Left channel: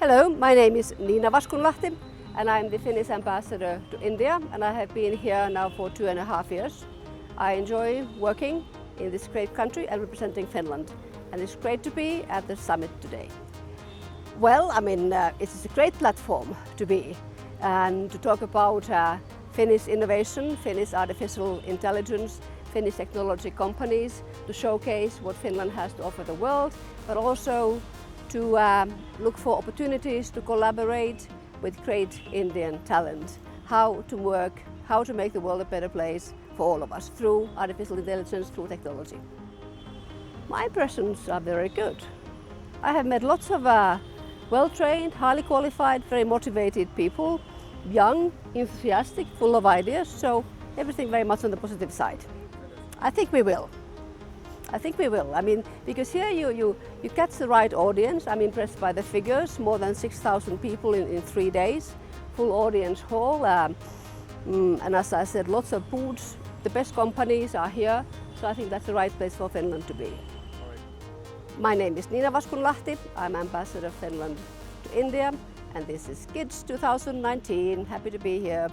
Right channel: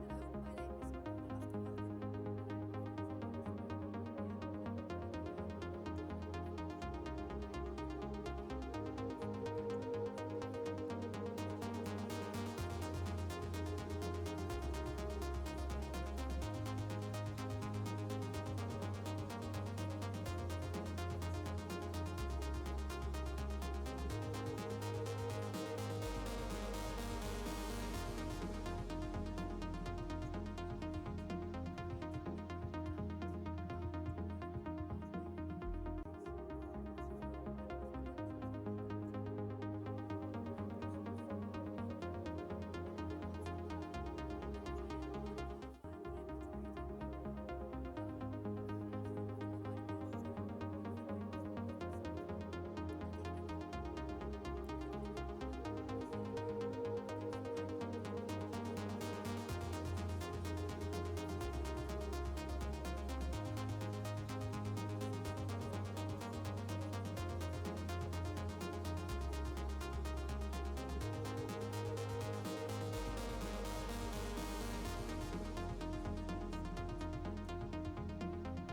Hello, my name is Vaskunlahti and I'm the Finnish ambassador to India, and I have been here now for 2.5 years. I enjoy working in this great country and representing Finland, and it's great to be at the summit today. Well, it's a great platform to be and to talk about Finnish innovation, Finnish artificial intelligence, Finnish technology companies, to showcase what Finland has to offer the world, but also to look for opportunities to collaborate with great Indian talent, how to work, how to make the world a better place for all of us through artificial intelligence, through technology. My impressions are very good. I have met lots of well-trained, highly qualified, very motivated people, young, enthusiastic, full of ideas, so everything very much on the positive side. I think we will. Because here you catch the right audience. I'm impressed by the figures, more than 6,000 people in 3 days, full audience hall, and as I said, lots of booths. The best companies are here, so I think that's the right place for Finland to be. My name is Vaskunlahti. I'm Ambassador of Finland to India, and this is GIDS 2019. Happy to be here.